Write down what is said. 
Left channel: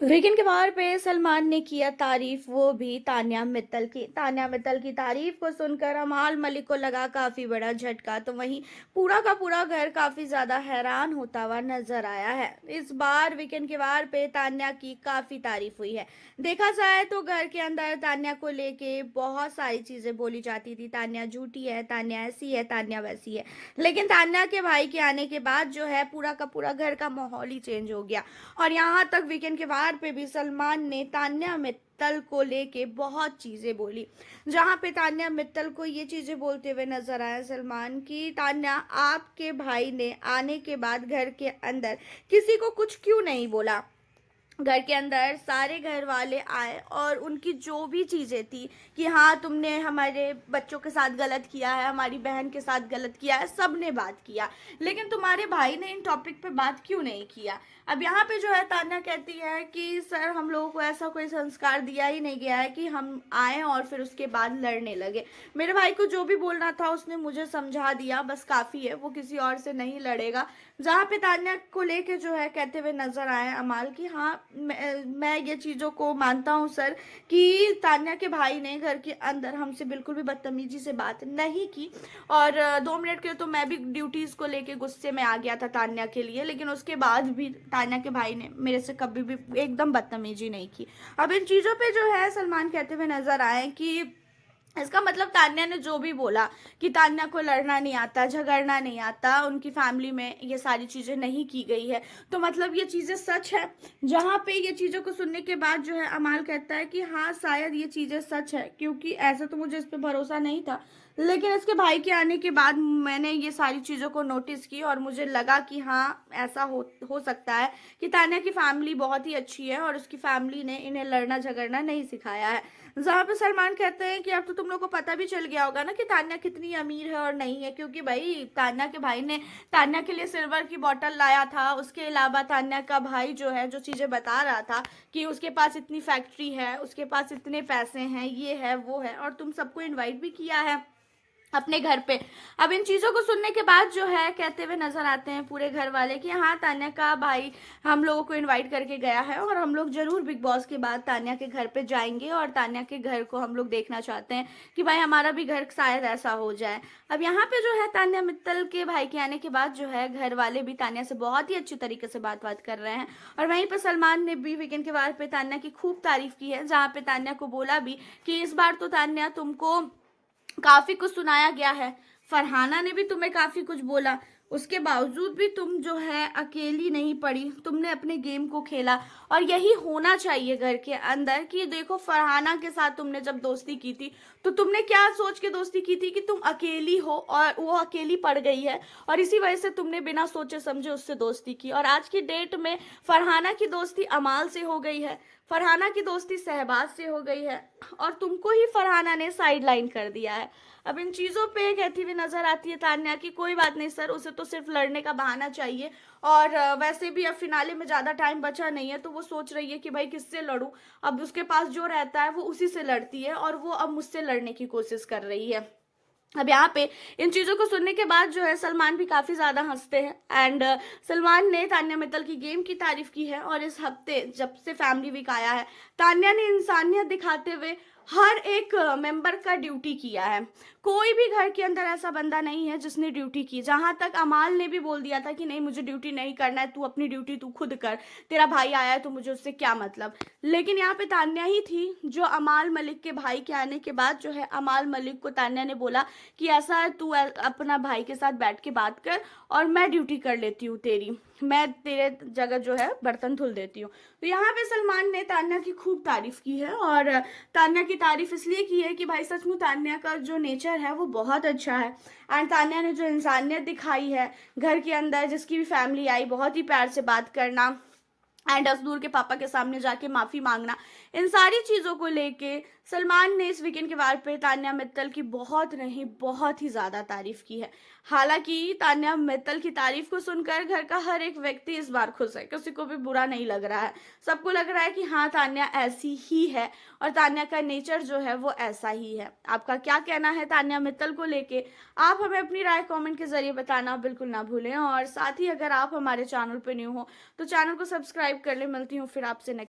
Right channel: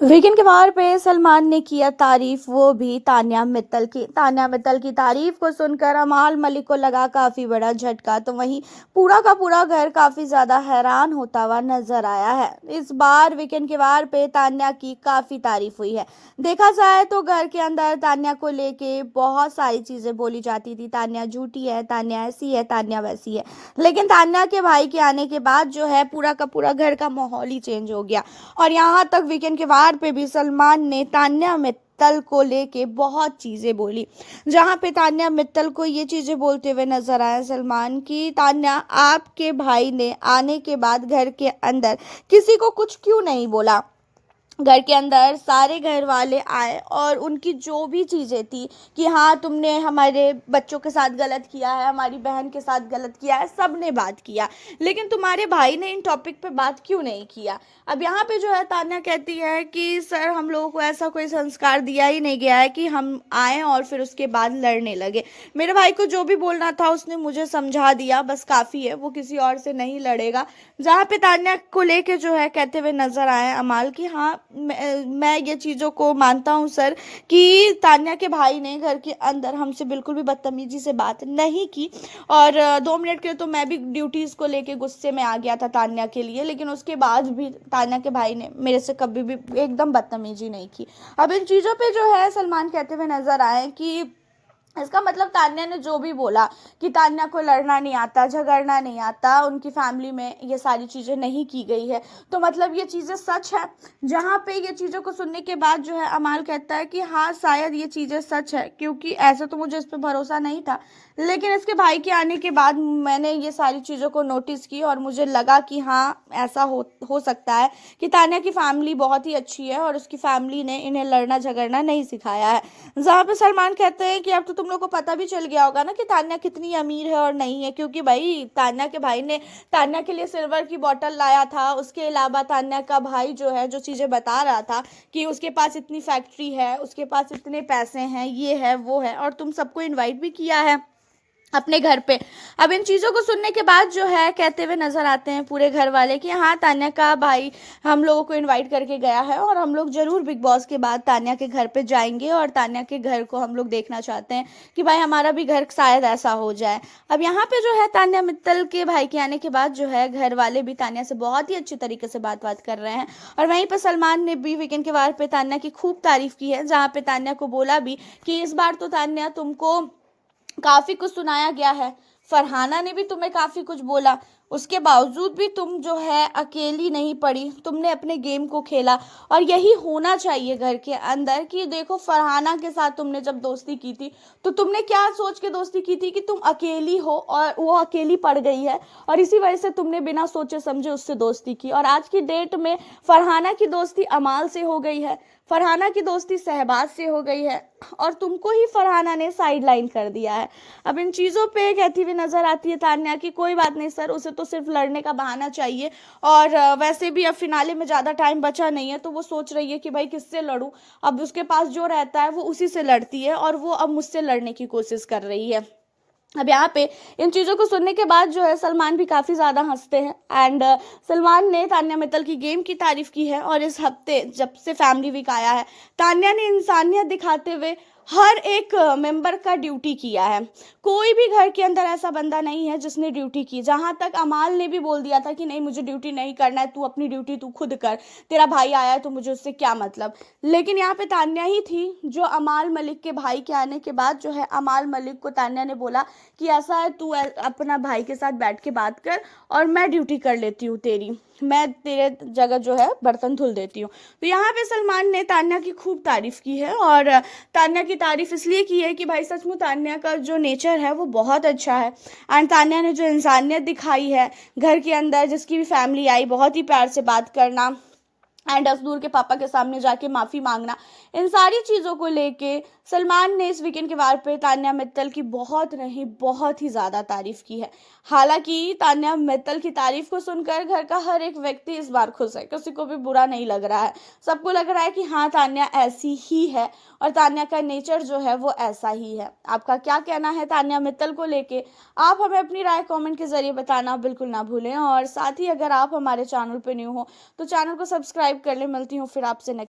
Weekend के वार पे सलमान ने किया तारीफ, वो भी तान्या मित्तल की तारीफ को सुनकर अमाल मलिक को लगा काफी बड़ा झटका। तो वहीं पूरा का पूरा घर काफी ज्यादा हैरान होता हुआ नजर आया है। इस बार वीकेंड के वार पे तान्या की काफी तारीफ हुई है। देखा जाए तो घर के अंदर तान्या को लेके बहुत सारी चीजें बोली जाती थी। तान्या झूठी है, तान्या ऐसी है, तान्या वैसी है। लेकिन तान्या के भाई के आने के बाद जो है पूरा का पूरा घर का माहौल ही चेंज हो गया। और यहाँ तक वीकेंड के वार पे भी सलमान ने तान्या मित्तल को लेके बहुत चीजें बोली। जहाँ पे तान्या मित्तल को ये चीजें बोलते हुए नजर आया सलमान की, तान्या आपके भाई ने आने के बाद घर के अंदर किसी को कुछ क्यों नहीं बोला। घर के अंदर सारे घर वाले आए और उनकी जो भी चीज़ें थी कि हाँ तुमने हमारे बच्चों के साथ गलत किया है, हमारी बहन के साथ गलत किया है, सब ने बात किया। लेकिन तुम्हारे भाई ने इन टॉपिक पे बात क्यों नहीं किया। अब यहाँ पे जो है तान्या कहती है कि सर हम लोगों को ऐसा कोई संस्कार दिया ही नहीं गया है कि हम आए और फिर उसके बाद लड़ने लगे। मेरे भाई को जो भी बोलना था उसने मुझे समझा दिया, बस काफ़ी है, वो किसी और से नहीं लड़ेगा। जहाँ पे तान्या को लेके जो है कहते हुए नजर आए अमाल की, हाँ मैं ये चीज़ों को मानता हूँ सर कि तान्या के भाई ने घर के अंदर हमसे बिल्कुल भी बदतमीजी से बात नहीं की। और 2 मिनट के लिए तो मैं भी ड्यूटीज़ को लेके गुस्से में आ गया था तान्या के लिए, लेकिन उसके बाद भी तान्या के भाई ने मेरे से कभी भी एकदम बदतमीजी नहीं की। अब इन चीज़ों पे जो है सलमान कहते हुए नजर आए कि इसका मतलब तान्या ने जो भी बोला कि तान्या को लड़ना नहीं आता, झगड़ना नहीं आता, उनकी फैमिली में ये सारी चीज़ें नहीं की गई है, तो मतलब ये चीज़ें सच है। जहाँ पे ये चीज़ों को सुनने के बाद जो है अमाल कहता है कि हाँ शायद ये चीज़ें सच है, क्योंकि ऐसा तो मुझे इस पर भरोसा नहीं था। लेकिन इसके भाई के आने के बाद मैंने ये सारी चीज़ों को नोटिस की और मुझे लगा कि हाँ ऐसा हो सकता है कि तान्या की फैमिली बहुत ही अच्छी है और उसकी फैमिली ने इन्हें लड़ना झगड़ना नहीं सिखाया है। जहाँ पे सलमान कहते हैं कि अब तो तुम लोग को पता भी चल गया होगा ना कि तान्या कितनी अमीर है और नहीं है, क्योंकि भाई तान्या के भाई ने तान्या के लिए सिल्वर की बोतल लाया था। उसके अलावा तान्या का भाई जो है जो चीज़ें बता रहा था कि उसके पास इतनी फैक्ट्री है, उसके पास इतने पैसे हैं, ये है वो है, और तुम सबको इन्वाइट भी किया है अपने घर पे। अब इन चीज़ों को सुनने के बाद जो है कहते हुए नजर आते हैं पूरे घर वाले कि हाँ तान्या का भाई हम लोगों को इनवाइट करके गया है और हम लोग जरूर बिग बॉस के बाद तान्या के घर पे जाएंगे और तान्या के घर को हम लोग देखना चाहते हैं कि भाई हमारा भी घर शायद ऐसा हो जाए। अब यहाँ पे जो है तान्या मित्तल के भाई के आने के बाद जो है घर वाले भी तान्या से बहुत ही अच्छी तरीके से बात कर रहे हैं। और वहीं पर सलमान ने भी वीकेंड के वार पे तान्या की खूब तारीफ की है, जहाँ पे तान्या को बोला भी कि इस बार तो तान्या तुमको काफी कुछ सुनाया गया है, फरहाना ने भी तुम्हें काफी कुछ बोला, उसके बावजूद भी तुम जो है अकेली नहीं पड़ी, तुमने अपने गेम को खेला। और यही होना चाहिए घर के अंदर कि देखो फरहाना के साथ तुमने जब दोस्ती की थी तो तुमने क्या सोच के दोस्ती की थी कि तुम अकेली हो और वो अकेली पड़ गई है, और इसी वजह से तुमने बिना सोचे समझे उससे दोस्ती की। और आज की डेट में फरहाना की दोस्ती अमाल से हो गई है, फरहाना की दोस्ती शहबाज से हो गई है, और तुमको ही फरहाना ने साइड लाइन कर दिया है। अब इन चीज़ों पे कहती हुई नजर आती है तान्या की कोई बात नहीं सर, उसे तो सिर्फ लड़ने का बहाना चाहिए। और वैसे भी अब फिनाले में ज़्यादा टाइम बचा नहीं है, तो वो सोच रही है कि भाई किससे लड़ूं। अब उसके पास जो रहता है वो उसी से लड़ती है और वो अब मुझसे लड़ने की कोशिश कर रही है। अब यहाँ पे इन चीज़ों को सुनने के बाद जो है सलमान भी काफ़ी ज़्यादा हंसते हैं। एंड सलमान ने तान्या मित्तल की गेम की तारीफ की है और इस हफ्ते जब से फैमिली वीक आया है तान्या ने इंसानियत दिखाते हुए हर एक मेंबर का ड्यूटी किया है। कोई भी घर के अंदर ऐसा बंदा नहीं है जिसने ड्यूटी की। जहाँ तक अमाल ने भी बोल दिया था कि नहीं मुझे ड्यूटी नहीं करना है, तू अपनी ड्यूटी तू खुद कर, तेरा भाई आया है तो मुझे उससे क्या मतलब। लेकिन यहाँ पे तान्या ही थी जो अमाल मलिक के भाई के आने के बाद जो है अमाल मलिक को तान्या ने बोला कि ऐसा है तू अपना भाई के साथ बैठ के बात कर और मैं ड्यूटी कर लेती हूँ तेरी, मैं तेरे जगह जो है बर्तन धुल देती हूँ। तो यहाँ पे सलमान ने तान्या की खूब तारीफ की है और तान्या की तारीफ इसलिए की है कि भाई सच में तान्या का जो नेचर है वो बहुत अच्छा है। एंड तान्या ने जो इंसानियत दिखाई है घर के अंदर, जिसकी भी फैमिली आई बहुत ही प्यार से बात करना एंड असदूर के पापा के सामने जाके माफ़ी मांगना, इन सारी चीज़ों को लेके सलमान ने इस वीकेंड के वार पे तान्या मित्तल की बहुत नहीं बहुत ही ज़्यादा तारीफ की है। हालांकि तान्या मित्तल की तारीफ को सुनकर घर का हर एक व्यक्ति इस बार खुश है, किसी को भी बुरा नहीं लग रहा है। सबको लग रहा है कि हाँ तान्या ऐसी ही है और तान्या का नेचर जो है वो ऐसा ही है। आपका क्या कहना है तान्या मित्तल को लेके, आप हमें अपनी राय कमेंट के जरिए बताना बिल्कुल ना भूलें। और साथ ही अगर आप हमारे चैनल पे न्यू हो तो चैनल को सब्सक्राइब कर ले। मिलती हूँ फिर आपसे नेक्स्ट